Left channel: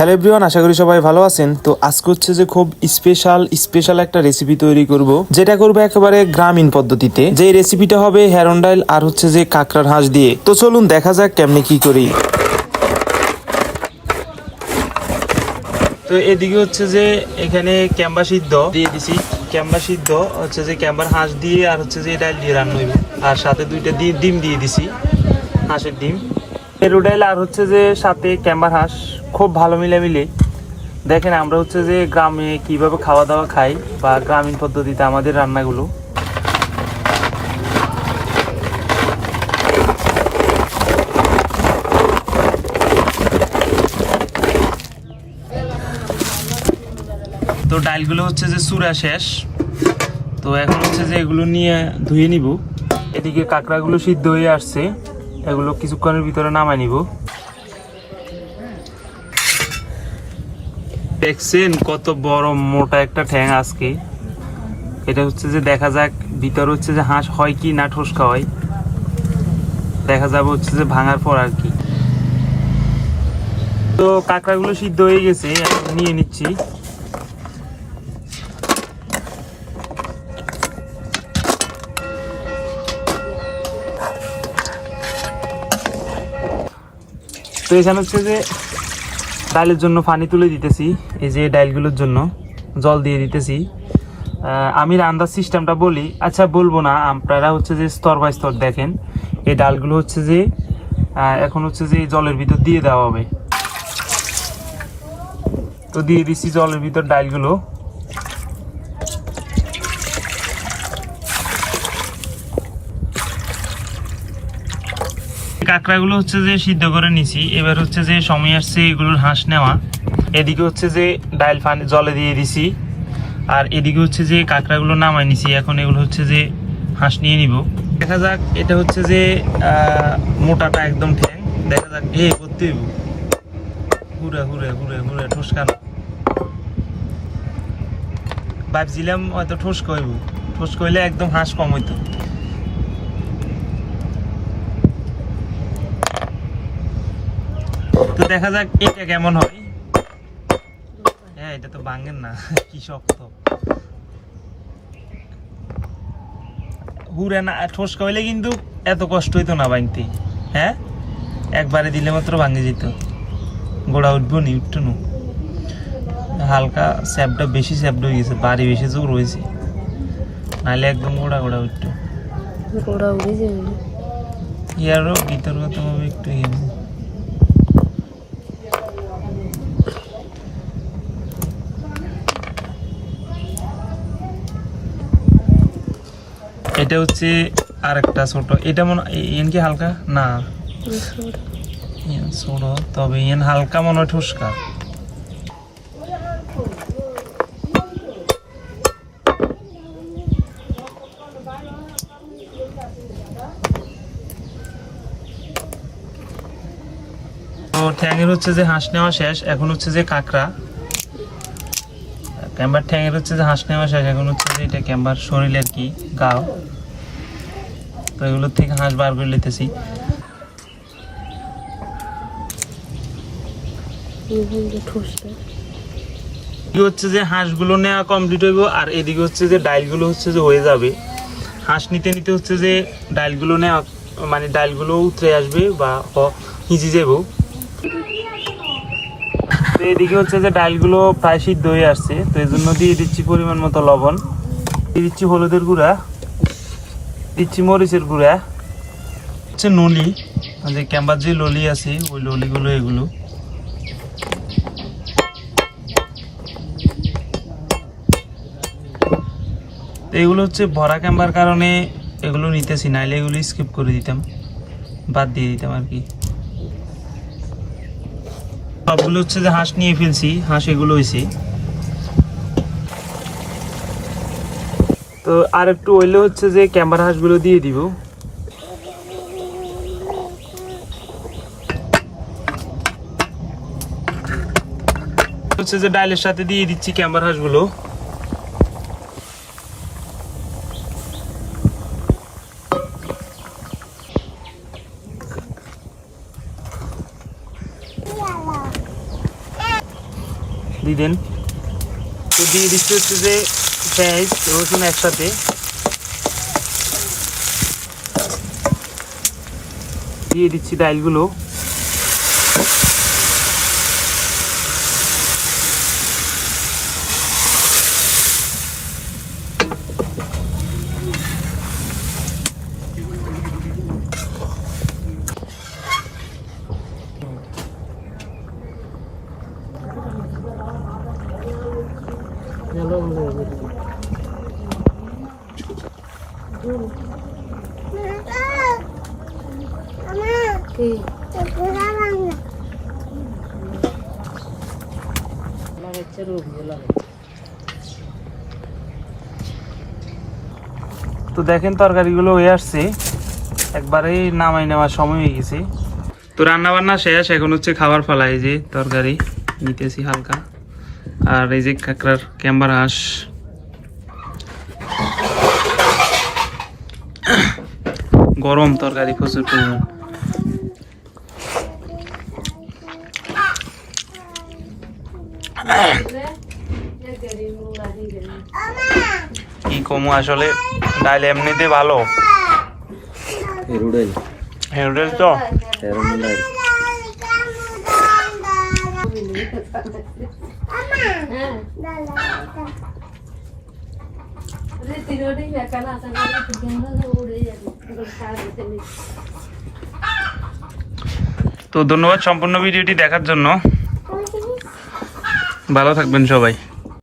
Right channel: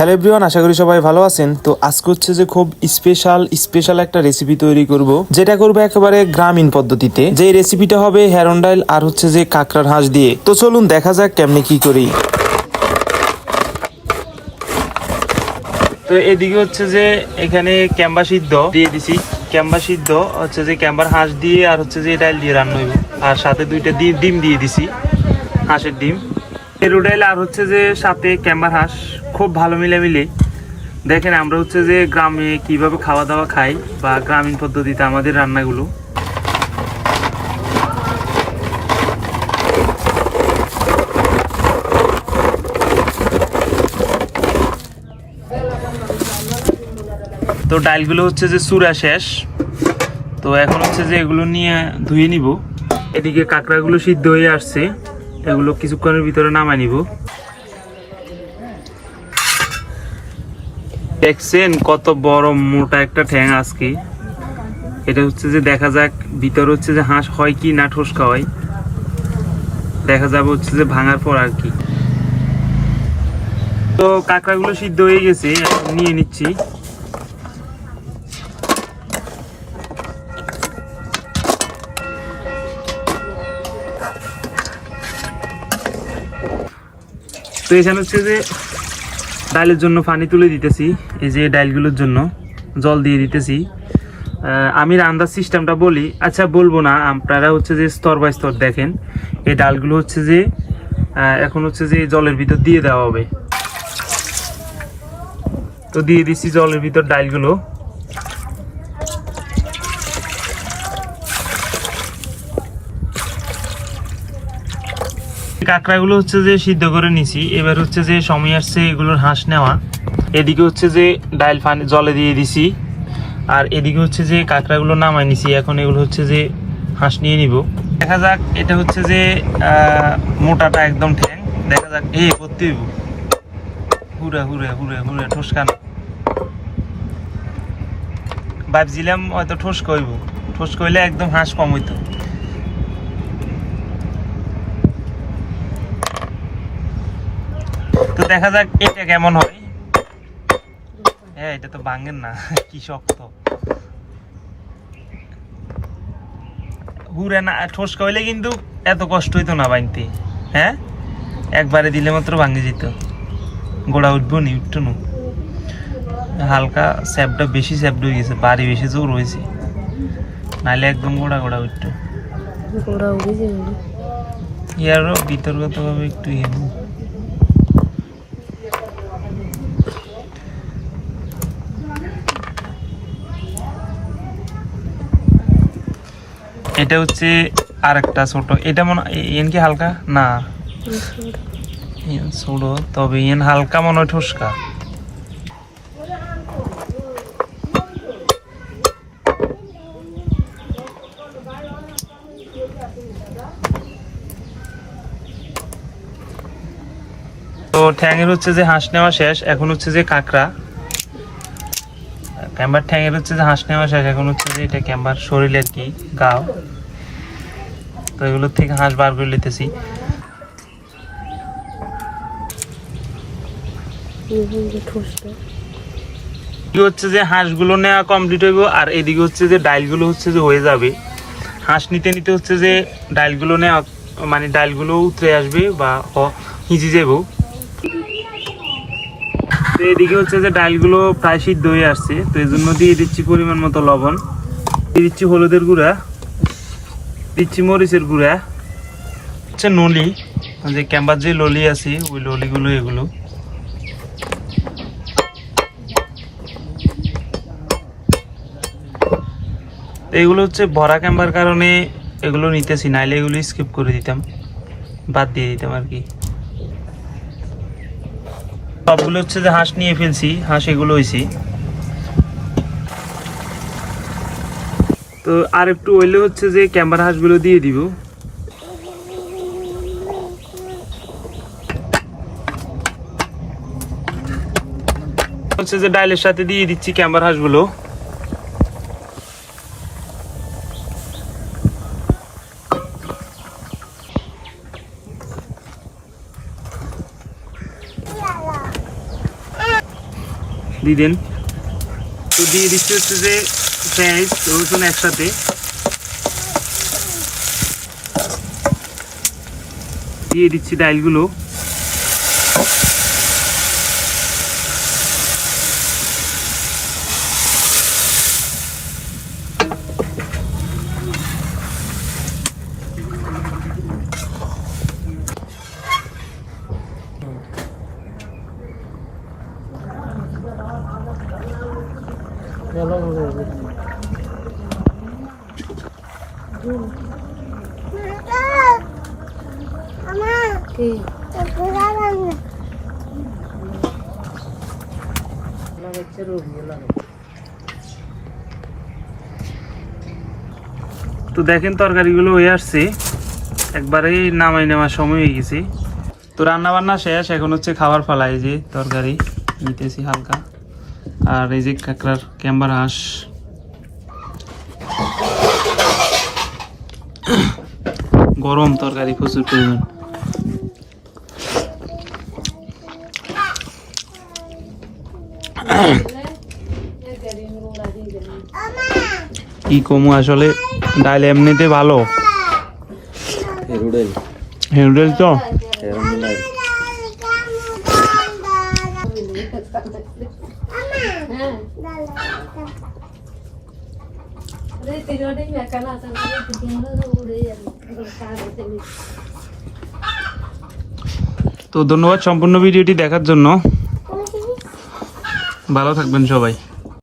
Hello everyone আশা করি সবাই ভালো আছেন। তো আজকে হচ্ছে যে খুব স্পেশাল স্পেশাল একটা রেসিপি তৈরি করব। যেটা করব একেবারে গ্রামীণ পদ্ধতিতে। যে রেসিপিটা হবে হেরন ডাইল আর হচ্ছে যে কাঁকড়ার হাঁস দিয়ে। তো চলুন দেখা যাক কেমনে কি করি। তো এদিকে হচ্ছে যে এখানে ক্যাম্বা সিদ্ধ দিয়ে দিছি। ক্যাম্বা সিদ্ধ হচ্ছে যে ক্যাম্বার হাঁস দিয়ে আর হচ্ছে যে ডাইল দিয়ে রান্না হইব। আর সাথে দুইটা ডিম দিয়ে দিছি। হাঁসের ডিম। এরু ডাইল আর হচ্ছে যে সাথে ক্যাম্বার হাঁস খুব ভালো মিলে মিলে দেখেন, আমরা হচ্ছে যে গ্রামে কীভাবে খাওয়া দাওয়া খাই বা গ্রামীণ পদ্ধতিতে আমাদের রান্নাগুলো। তো ডাইলগুলো হচ্ছে যে চূড়া শেষ। তো এখন হচ্ছে যে এগুলো নিয়ে ধুয়ে নিব। এদিকে কাঁকড়াগুলো সিদ্ধ হয়ে আসছে। এগুলো কিছুক্ষণের ভিতরে নামাই নিব। দেখছেন কত বড় মোটা একটা ঠ্যাং আজকে। এটা হচ্ছে যে দেখা যাক, ভিতর হচ্ছে যে হাঁস হয় কি না ঠোসকা হয়। দেখা যাবে হচ্ছে যে ভাঙার পর আর কি। তো কাঁকড়াগুলো সিদ্ধ হয়ে গেছে নিয়ে নিচ্ছি। তো এখানে হচ্ছে যে ডালের জন্য পানি তুলে দিতেছি, এই যে ডালগুলোর জন্য জল দিয়ে দিতেছি। আমি রান্নার সিস্টেমটা বলি আচ্ছা বলব না, আপনারা হচ্ছে যে স্তর বাই স্তর দেখেন, এই ডালগুলো হচ্ছে যে এখন হচ্ছে যে জলের ভিতর দিয়ে দেওয়া হবে। তো দিয়ে দিচ্ছি জলের ভিতর ডালগুলো। কাঁকড়াগুলো হচ্ছে যে সিদ্ধ করে নিছি। এবার হচ্ছে যে সময় আসছে এগুলোর হাঁস নেওয়া। এদিকে হচ্ছে যে ডাইল পানি জলে দিয়ে দিছি। আর এদিকে হচ্ছে যে কাঁকড়াগুলো নামাই নিছি। এখন এগুলো হচ্ছে যে হাঁস নিয়ে নিব। দেখা যাক, এটা হচ্ছে যে মোটাটা একদম ঠ্যাং। দেখা যাক, এ, করতে হইব। হুরে হুরে হুরে হুরে ঠোসকান ভাবছিলাম হয়তো ঠোস কইব। ঠোস কইলে একদম হাঁস কম হইতো। তো দেখা যাক এটা কেমন হয়। হ্যাঁ এটা তো ভাঙেন না কি শক্ত। না কিন্তু এত কষ্ট হইতো না হ্যাঁ? একবারে দিলে মাত্র ভাঙে যেত। গোড়া উঠবো নি উঠতো নু। হালকা স্যাপটা বেশি স্যাপড হয়ে গেছে বাড়ি বেশি জোর হয়েছে। নাহলে একদম গোড়া গোড়া উঠতো। গোড়া উড়ে যাবে ইয়ারও বিতর্কতভাবে একটু ইয়ে এটা হচ্ছে আরেকটা ছোট। এটা মনে কি হালকা? না। তবে ইয়েন হালকা মনে হয় তো ঠ্যাঙের হচ্ছে যে হাঁস নেওয়া শেষ, এখন হচ্ছে যে কাঁকড়া। ক্যাম্বার ঠ্যাঙের হচ্ছে যে হাঁস নেওয়া শেষ, এখন হচ্ছে যে এটা ক্যাম্বার শরীরের কি, গাও। তো এগুলোর থেকে হাঁস বার করে নিতেছি। হচ্ছে যে হাঁসগুলো নেওয়া কমপ্লিট হইব আর এদিকে হচ্ছে যে ডাইলগুলো হচ্ছে যে হয়ে যাবে। হাঁস নিতে নিতে হচ্ছে যে ডাইলগুলো নেওয়া মানে ডাইলগুলো উতরে আসবে বা হিজি যাব তো এদিকে হচ্ছে যে ডাইলগুলো প্রায় সিদ্ধ হয়ে আসছে, তো এই জন্য দিয়ে দিচ্ছি পরিমাণ মতো লবণ। দিয়ে দিচ্ছি হলুদের গুঁড়া। দিচ্ছি মরিচের গুঁড়া। হচ্ছে নলি যে ক্যাম্বার যে ললি আছে ওই ললিগুলো এগুলো। এগুলো হচ্ছে ভরা ক্যাম্বার কারণে এগুলো নিতেছি নাইলে এগুলো স্কিপ করে দিতাম। বাদ দিয়ে দিতাম আর কি। সবগুলো হচ্ছে যে হাঁস নিয়ে ফেলছি হাঁস এগুলো হয়েছি তো আর একটু ওইলে হচ্ছে যে ক্যাম্বার হাঁসগুলো দিয়ে দিব। হচ্ছে যে ডাইলের সাথে দিয়ে দিচ্ছি ক্যাম্বার হাঁসগুলো। দিয়ে দেন। তো দিয়ে দিচ্ছে হচ্ছে যে পেঁয়াজ রসুন একসাথে। দিয়ে দিচ্ছি ডালগুলো। তো দেখেন তরকারিগুলো হয়ে আসছি। একবারে নামাই নেওয়ার সময় হয়ে গেছি। তো রান্না বান্না শেষ, এখন হচ্ছে খাবার ফেলা এই যে তরকারি। নিতেছি হালকা। আর এই যে কাঁকড়ার ক্যাম্বার হাঁস। গরম তরকারি প্রচুর পরিমাণ। কি কমু আসলে? ডাল এমনিতে ভালো। রুডেল। হেরুডেল তো? এরম তো ধন্যবাদ সম্পূর্ণ ভিডিওটি দেখার জন্য। ভালো থাকবেন সবাই।